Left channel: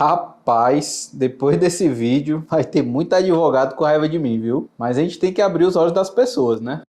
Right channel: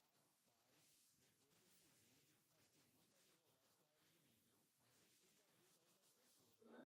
Rapaz, depois desse vídeo vai ter muito advogado com raiva de mim, viu? Mas a gente tem que abrir os olhos das pessoas, né?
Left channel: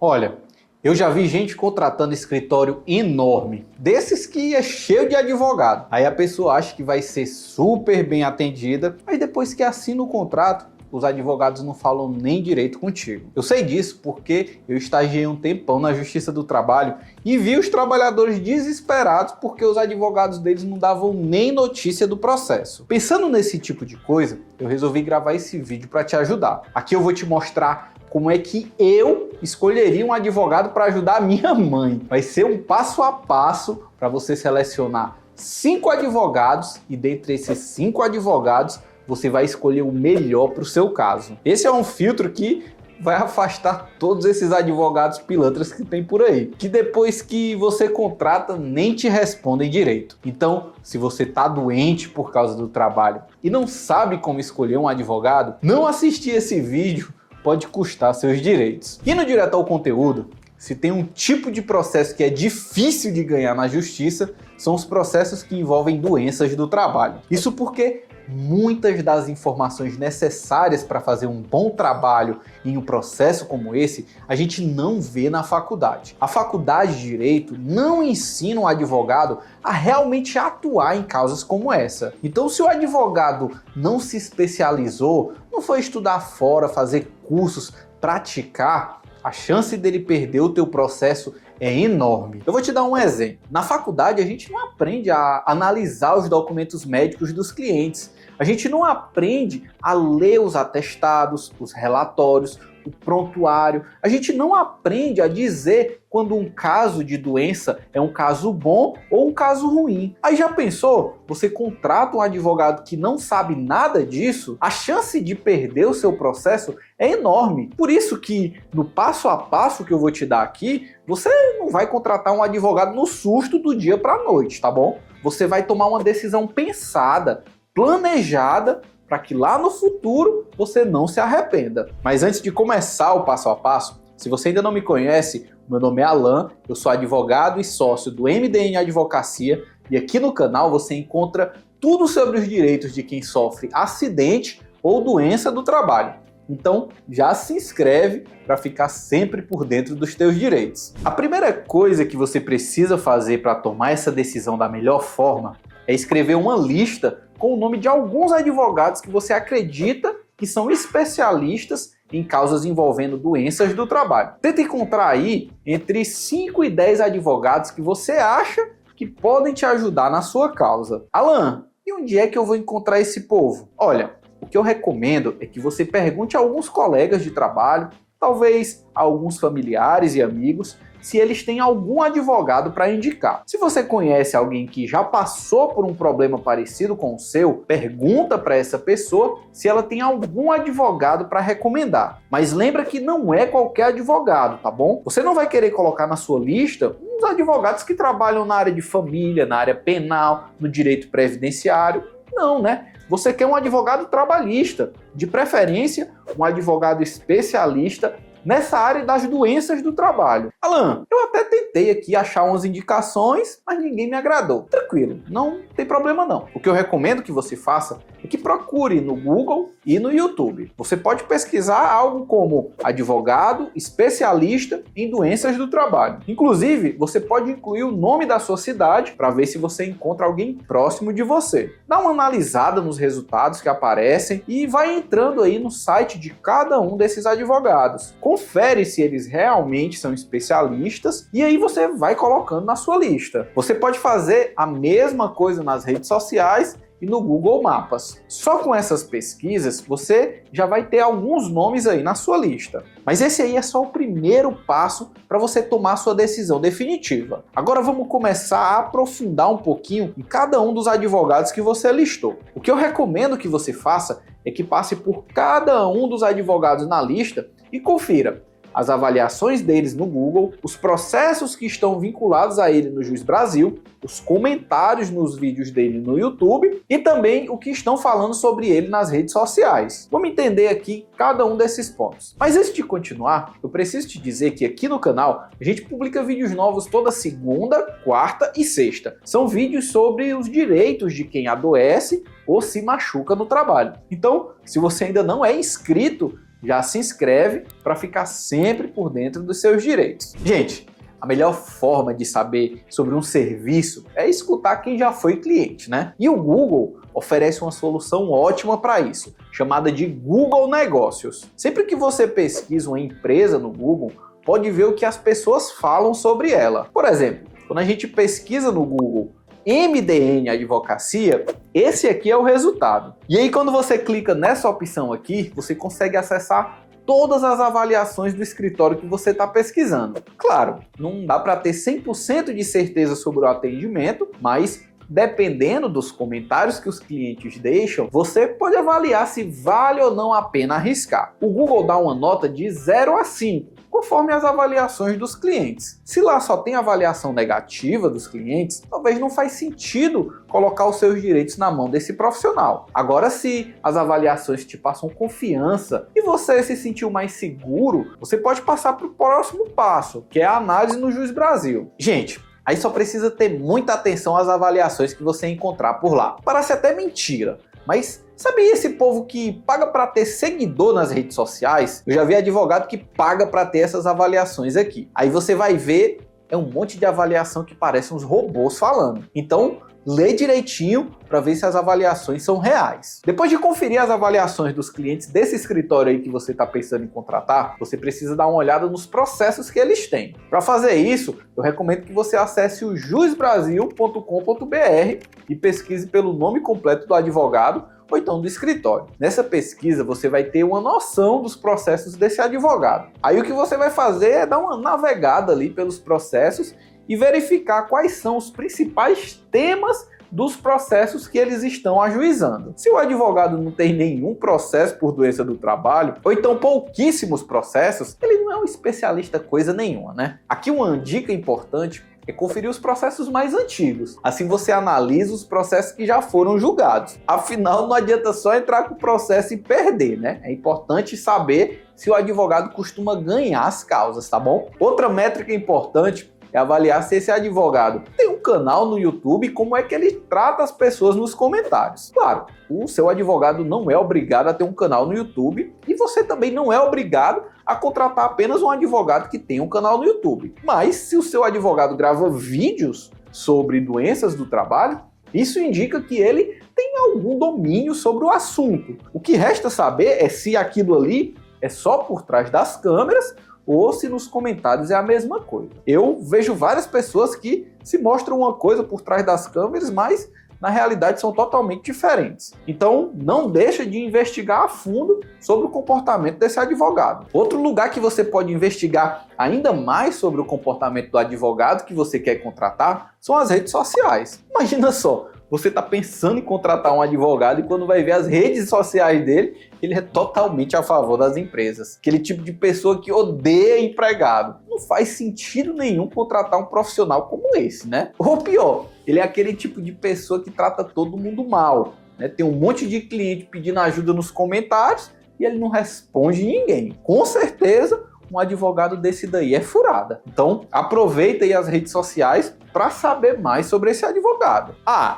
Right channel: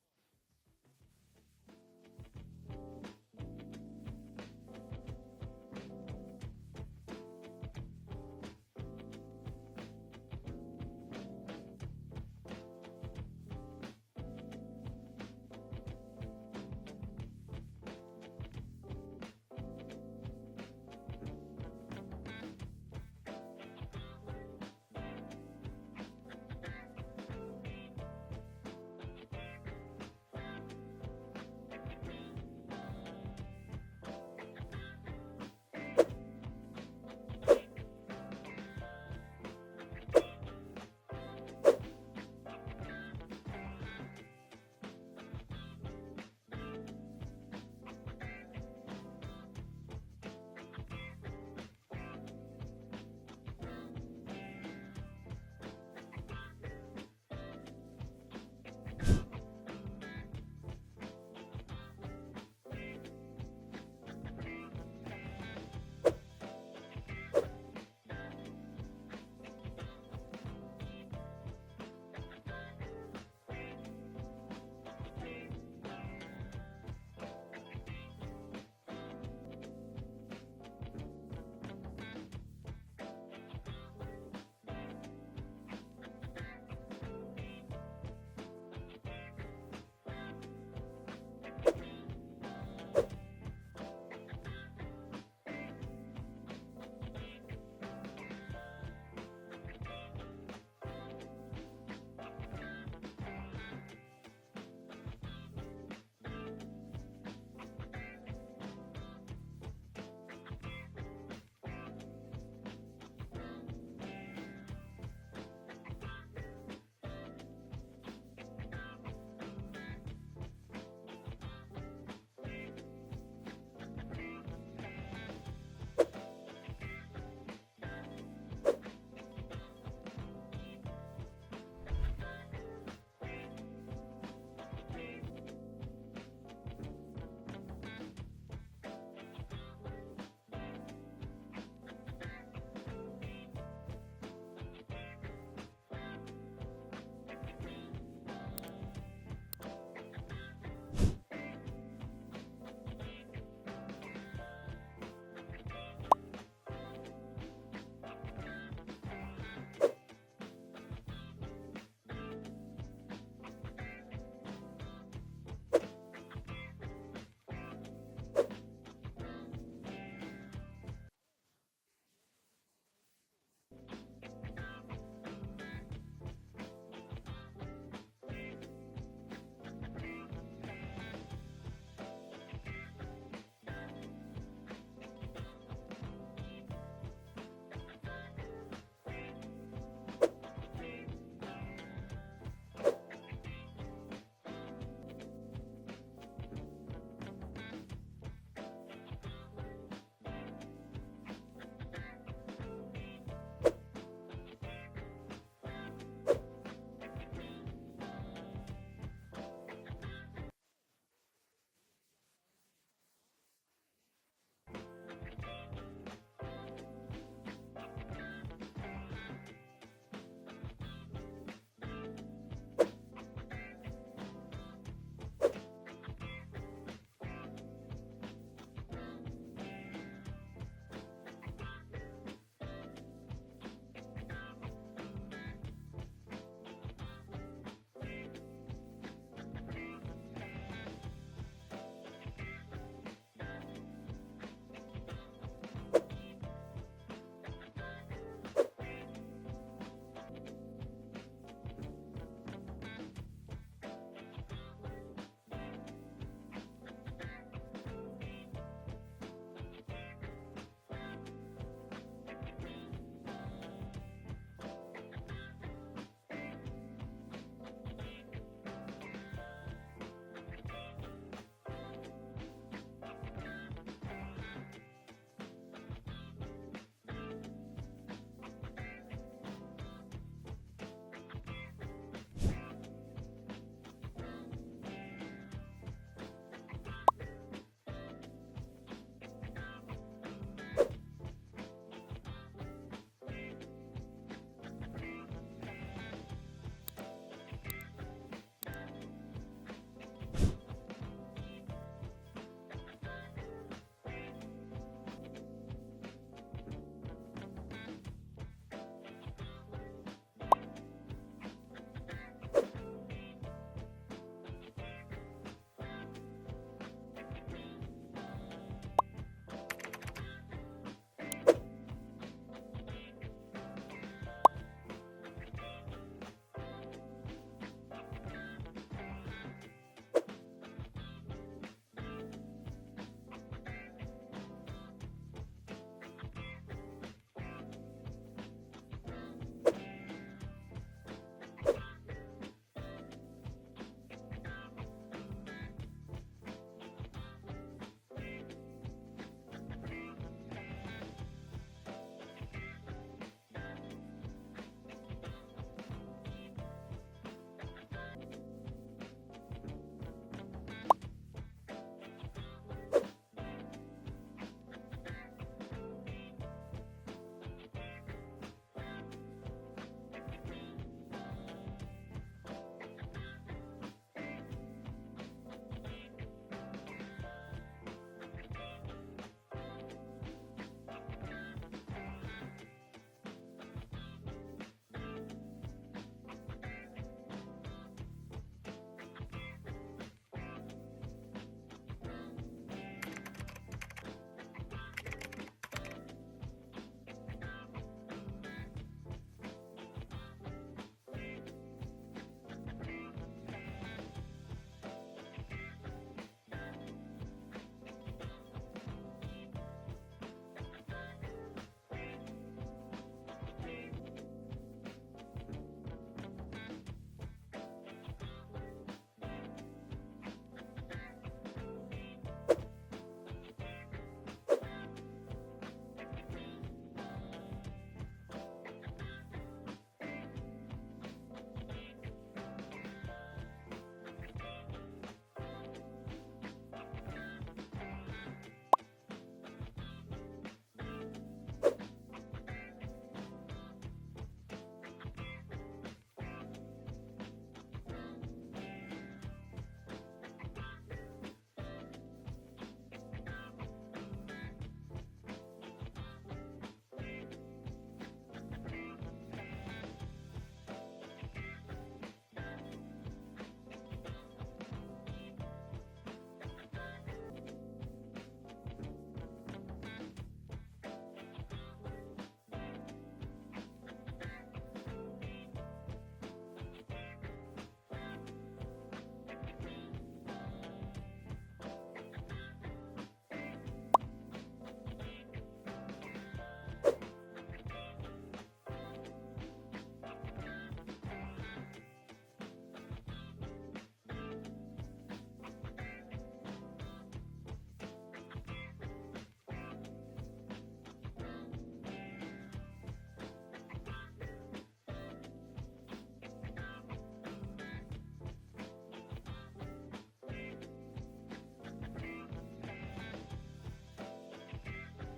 Olha, eu já vi gente contratando escritório enorme, desses que é cheio de advogado. Aí a pessoa acha que vai ser super bem atendida, mas depois que assina o contrato, os advogados não falam nem direito contigo. Eu sei disso porque eu estagiei um tempão na Justiça do Trabalho e vi os trabalhadores desesperados porque os advogados deles não davam nem notícia do processo. Pensando nesse tipo de coisa, eu resolvi gravar esse vídeo para te ajudar. Aqui eu vou te mostrar como é que eu escolheria um advogado para ajudar a minha mãe. Vai ser um passo a passo para você selecionar 5 advogados e dentre esses 5 advogados você vai escolher o melhor para o seu caso. Esse é um filtro que vai afastar todos esses advogados pilantras que tem por aí, que depois que você contrata nem te respondem direito. Então, se você está doente por causa do trabalho e não sabe como escolher um advogado, não assistir esse vídeo pode custar seus direitos. E no Direto ao Conteúdo, se tem um tipo de processo que é difícil de ganhar na justiça, são os processos que envolvem doenças do trabalho. Isso porque muitas das informações necessárias para fazer um bom trabalho em um processo como esse, a gente não vê na faculdade. A faculdade de Direito não ensina um advogado a realmente atuar em causas como essa. Então, se o advogado não se especializou, não foi estudar fora, fazer cursos, praticar, a chance dele perder o teu processo é enorme. Eu vou te dar um exemplo. Na faculdade, a gente não aprende a analisar os documentos médicos dos clientes. A gente não aprende a ler os atestados, os relatórios, o prontuário. A gente não aprende a dizer quando um caso de doença é um caso bom ou um caso ruim. Aí já pensou? Você contrata um advogado que não sabe nada disso, a chance de perder o seu processo é enorme. Por isso que no passo a passo que eu vou te dar aqui, você não vai contratar um advogado no susto do dia para a noite, tá bom? Você vai tomar uma decisão pensada, planejada, para que lá no futuro você não se arrependa. Mas antes de começar o passo a passo, se você ainda não me conhece, meu nome é Alan, eu sou advogado e sócio do MDN Advocacia e aqui no canal você encontra tudo sobre os direitos de quem sofre acidente ou doença do trabalho. Então já se inscreve para ficar sempre por dentro dos teus direitos. A primeira coisa que você precisa fazer para tomar essa decisão da melhor forma é escrever uma lista com o nome de alguns advogados que você acredita que são especialistas em causas envolvendo doenças do trabalho. Tenta encontrar aí entre 5 e 10 advogados que você acha que podem te ajudar na sua causa. Alan, e onde é que eu vou encontrar esse povo? Olha, o que eu recomendo é que você pergunte a alguns colegas de trabalho, talvez a alguns familiares e amigos, se eles têm algum advogado para indicar. Se você conhece alguém que já passou por um problema parecido com o seu, pergunta para essa pessoa se ela tem algum advogado para recomendar. Mas lembra que não é qualquer advogado, tá bom? Você não vai querer colocar na sua lista uns advogados que trabalham na área de família, na área penal, no direito previdenciário. Não, né? Você quer um advogado trabalhista, de preferência um advogado especialista nessa área das doenças do trabalho. Alan, eu até tentei aqui achar umas indicações, mas ninguém me agradou. Tranquilo, não tem problema não. O que eu recomendo que você faça é que procure no Google e no YouTube. Você pode pesquisar algo como advogado especialista em doenças do trabalho. Inclusive, você pode incluir o nome da sua cidade para ver se você encontra alguém próximo de você. Dá uma analisada nos resultados que aparecem e vai entrando aí no site de cada um desses advogados. Confere se eles realmente são especialistas e aí você vai colocando na sua lista. Você pode fazer a mesma coisa nas redes sociais e no Google Maps. Só com essas pesquisas você já vai ter alguns nomes aí na sua lista. Mas esse aí é só o primeiro passo para você tomar sua decisão definitiva. Agora vamos começar a aprofundar um pouquinho em cada um dos advogados que você listou. O que eu recomendo que você faça é que passe por cada um dos advogados na lista e confira as avaliações deles no Google, os processos que estão vinculados a ele no Juiz Brasil, os comentários nos vídeos dele no YouTube e também o que estão falando sobre ele nas redes sociais. Vamos entender aqui cada um desses pontos. Mas antes de continuar, eu preciso te dizer que aqui no canal a gente publica vídeos novos toda segunda, quarta e sexta. São vídeos sobre os direitos de quem adoece ou se machuca no trabalho. Então, se você ainda não é inscrito, já se inscreve para ficar sempre por dentro dos seus direitos. Gente, a melhor forma de saber sobre um serviço é escutar quem já foi cliente, né? E o Google oferece uma solução ótima para isso, chamada de Google Negócios. Sempre que você pesquisa uma empresa no Google, pode ver o que as pessoas falam sobre ela. Por exemplo, quando a gente pesquisa no Google MDN Advocacia, esse aqui é o resultado. E aí quando você clica nessa opção aqui, você consegue acessar todas as avaliações do escritório que você está pesquisando. Claro, não dá para ter 100% de certeza sobre o atendimento, mas dependendo dos comentários que os clientes deixam, você pode avaliar se vale ou não a pena arriscar. O Google dá uma nota de 0 a 5, conforme as avaliações dos clientes. Se lá só tem avaliação negativa dos clientes, talvez não faz sentido colocar os seus direitos na mão desse profissional. Agora, se as avaliações te passam confiança e você se sentiu mais seguro, você pode passar para o próximo passo, que é a análise no Juiz Brasil. Gente, aí só precisa ter muita atenção às avaliações que você encontrar por lá. Parece até mentira, mas sabe esse povo que paga para ter seguidor nas redes sociais? Eu já vi advogado que paga para ter essas avaliações aqui. Aí você vai ver, é um monte de avaliação que parece uns robôs falando. Então, lê direitinho para ver se as avaliações são reais. Depois de conferir as avaliações dos clientes desse escritório aí que você está pensando em contratar, você precisa dar uma olhada nos processos que eles têm. Para fazer isso, eu recomendo que você acesse o juizbrasil.com.br e pesquise pelo nome completo do advogado ou então do escritório. Nessa pesquisa você vai ter uma noção dos processos desse advogado. Aí o que você vai fazer é dar uma navegada ali pelos processos e verificar quais são os principais temas dos processos que eles estão ajuizando. Se o advogado não tem nenhum processo por doença do trabalho, ou então pouquíssimos processos, ele não é um especialista coisa nenhuma, né? Aqui uma dica importante é conferir os processos mais antigos. Assim você analisa os processos que já foram julgados. Afinal, não adianta só entrar com o processo e perder, né? É importante saber se o advogado costuma ganhar as causas, tá bom? Outra métrica importante é avaliar se esse advogado tem um canal no YouTube e como é que ele trata as pessoas nos comentários. Claro, o seu advogado não é obrigado a ter um canal no YouTube e você também não é obrigado a contratar apenas um advogado que tem um canal no YouTube. Mas se o seu advogado grava vídeos sobre doenças do trabalho, isso indica que ele tem algum domínio sobre o assunto. O que resta saber é se aquilo ali é só por trás das câmeras ou se nos comentários é a mesma coisa. Eu vejo várias pessoas que se mostram uma coisa por trás das câmeras, mas na realidade são totalmente diferentes. Então não deixa de investigar a fundo sobre o comportamento desse advogado. Outro lugar que você pode investigar ainda mais sobre o comportamento do advogado que você quer contratar são as redes sociais. Imagina só, você está pensando em contratar um advogado e quando vai ver as redes sociais dele, ele é totalmente a favor das empresas. Aquele tipo de pessoa que odeia empregado. Não faz sentido nenhum contratar um profissional como esse, né? Ou pior, ele é aquele tipo de pessoa que trata todo mundo mal, né? Tem um monte de cliente pedindo ajuda nos comentários e ele não responde ninguém. Com certeza, um advogado desse daí é furada. Então, aproveita aí as redes sociais para saber mais sobre esse advogado.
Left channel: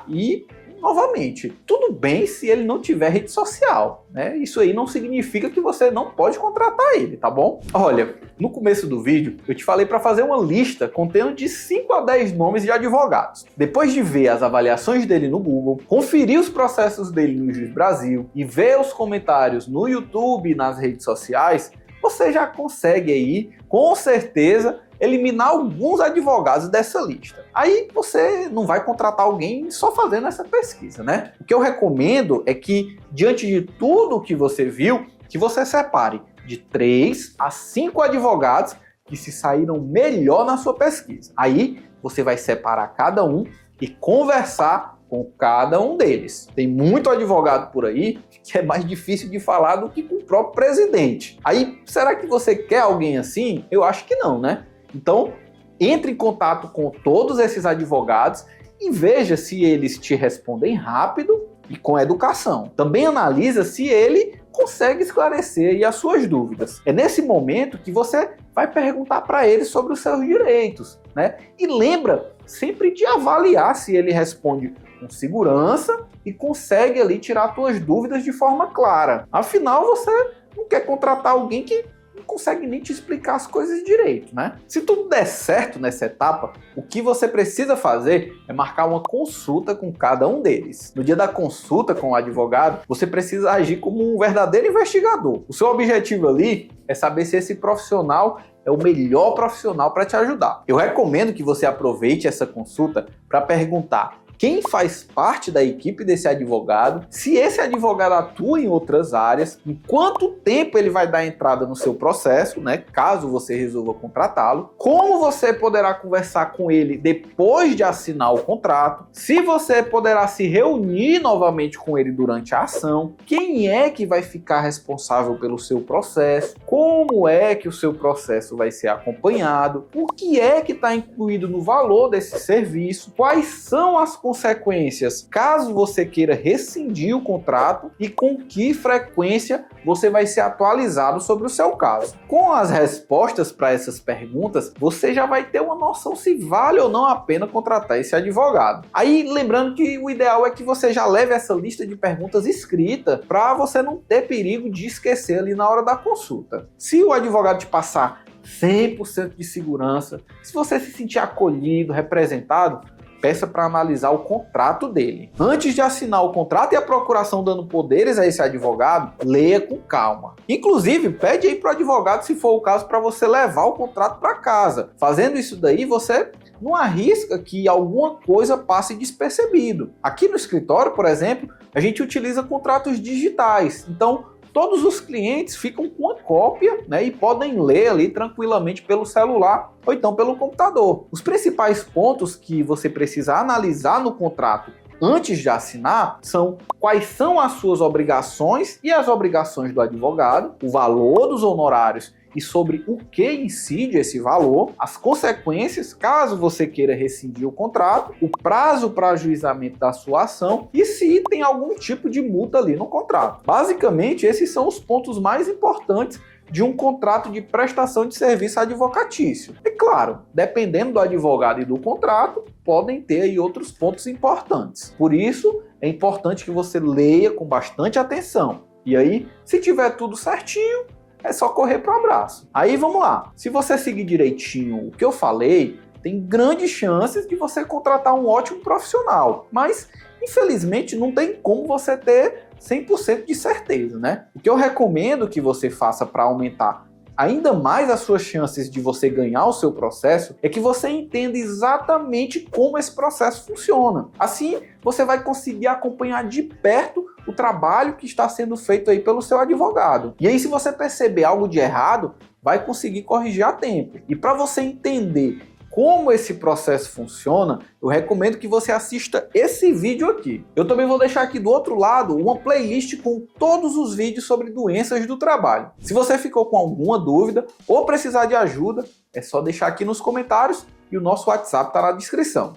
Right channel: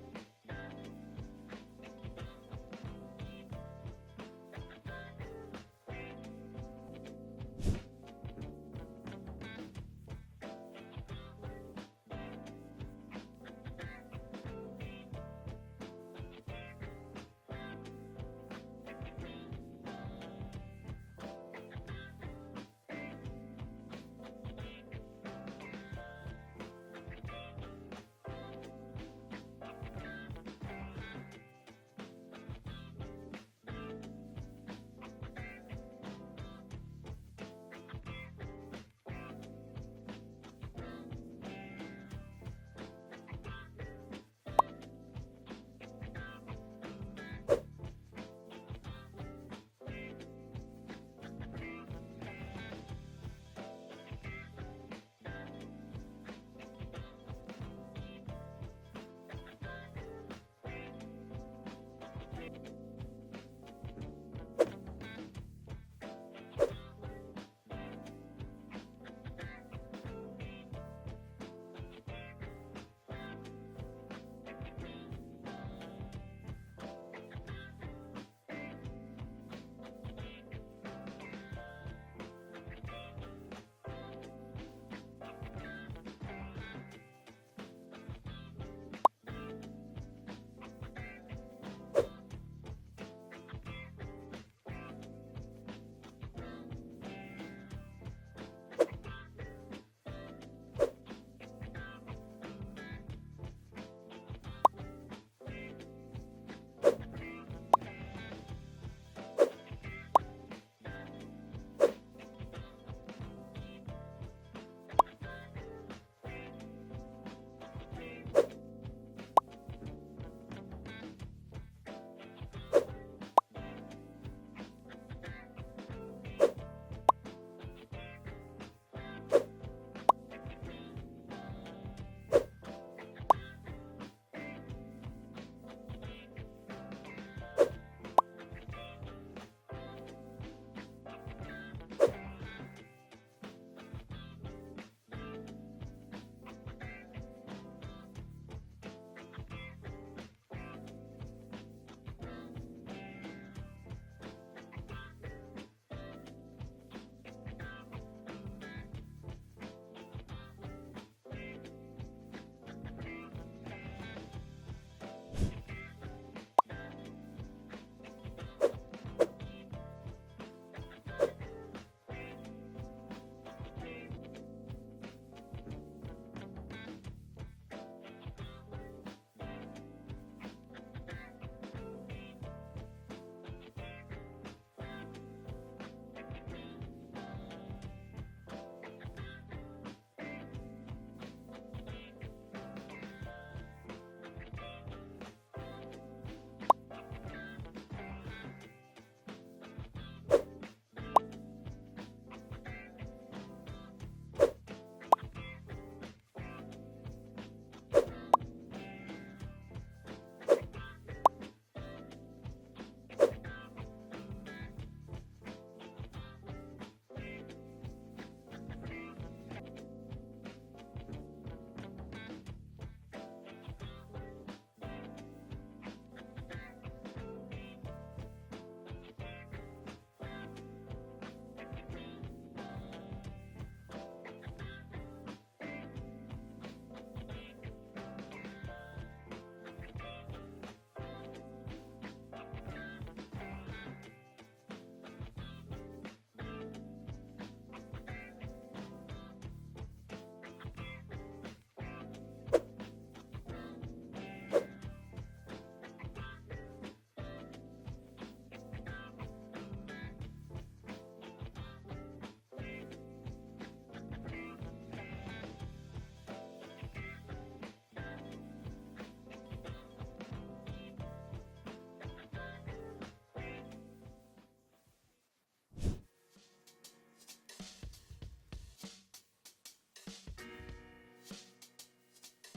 E novamente, tudo bem se ele não tiver rede social, né? Isso aí não significa que você não pode contratar ele, tá bom? Olha, no começo do vídeo, eu te falei para fazer uma lista contendo de 5 a 10 nomes de advogados. Depois de ver as avaliações dele no Google, conferir os processos dele no Juiz Brasil e ver os comentários no YouTube e nas redes sociais, você já consegue aí, com certeza, eliminar alguns advogados dessa lista. Aí você não vai contratar alguém só fazendo essa pesquisa, né? O que eu recomendo é que, diante de tudo que você viu, que você separe de 3 a 5 advogados que se saíram melhor na sua pesquisa. Aí você vai separar cada um e conversar com cada um deles. Tem muito advogado por aí que é mais difícil de falar do que com o próprio presidente. Aí, será que você quer alguém assim? Eu acho que não, né? Então, entre em contato com todos esses advogados e veja se eles te respondem rápido e com educação. Também analisa se ele consegue esclarecer aí as suas dúvidas. É nesse momento que você vai perguntar para ele sobre os seus direitos, né? E lembra sempre de avaliar se ele responde com segurança e consegue ali tirar suas dúvidas de forma clara. Afinal, você não quer contratar alguém que não consegue nem te explicar as coisas direito, né? Se tudo der certo nessa etapa, o que você precisa fazer é marcar uma consulta com cada um deles. No dia da consulta com o advogado, você precisa agir como um verdadeiro investigador. O seu objetivo ali é saber se esse profissional é o melhor profissional para te ajudar. Eu recomendo que você aproveite essa consulta para perguntar quem faz parte da equipe desse advogado, se esse advogado atua em outras áreas, em quanto tempo ele vai dar entrada no seu processo, né, caso você resolva contratá-lo, como você poderá conversar com ele depois de assinar o contrato, se você poderá se reunir novamente com ele durante a ação, quem é que vai ficar responsável pelo seu processo, como é que o seu processo vai ser acompanhado, o que é que está incluído no valor desse serviço, quais são as consequências caso você queira rescindir o contrato e com que frequência você vai ser atualizado sobre o seu caso. Com as respostas para essas perguntas, você já vai ter uma noção se vale ou não a pena contratar esse advogado. Aí, lembrando que o ideal é que você já leve essa lista de perguntas escrita para você não ter perigo de esquecer ali na hora da consulta. Se o advogado te passar 100% de segurança, se você se sentir acolhido, representado, peça para analisar o contrato dele. Antes de assinar o contrato e a procuração dando poderes a esse advogado, leia com calma. Inclusive, pede aí para o advogado, se for o caso, para você levar o contrato para casa. Fazendo isso daí, você não arrisca que alguma coisa passe despercebido. Aqui no escritório, por exemplo, a gente utiliza contratos digitais. Então, todos os clientes ficam com uma cópia, né, e podem ler ali tranquilamente pelo celular ou então pelo computador. Os principais pontos que você precisa analisar no contrato antes de assinar são quais são as suas obrigações e as obrigações do advogado, o valor dos honorários e sobre o que incide esse valor, as consequências caso você queira rescindir o contrato, o prazo para ajuizamento da sua ação e se tem algum tipo de multa ali no contrato. Basicamente, esses são os pontos mais importantes de um contrato de prestação de serviço advocatício. E claro, dependendo do advogado e do contrato, podem ter aí outros pontos importantes. Por isso, é importante que você leia com bastante atenção. E aí, se tiver tudo certinho, é só correr para o abraço. Aí vamos lá. Se você seguir direitinho o que eu falei, tem grandes chances de você contratar um ótimo profissional. Mas, infelizmente, não tem como você ter 100% de certeza, né? O que eu recomendo que você faça para aumentar ainda mais as suas chances de você ganhar o seu processo é que você entenda exatamente como esse processo funciona. Assim, você vai conseguir acompanhar de perto o trabalho que está sendo feito aí pelo seu advogado. E aí, se você perceber algo de errado, vai conseguir corrigir a tempo. E para você entender como esse processo funciona, eu recomendo que você assista esse vídeo aqui. Eu também vou deixar aqui do outro lado uma playlist com todos os vídeos sobre doenças do trabalho. Se você ficou com alguma dúvida ou precisar de ajuda, é só deixar aqui nos comentários e o nosso WhatsApp está na descrição.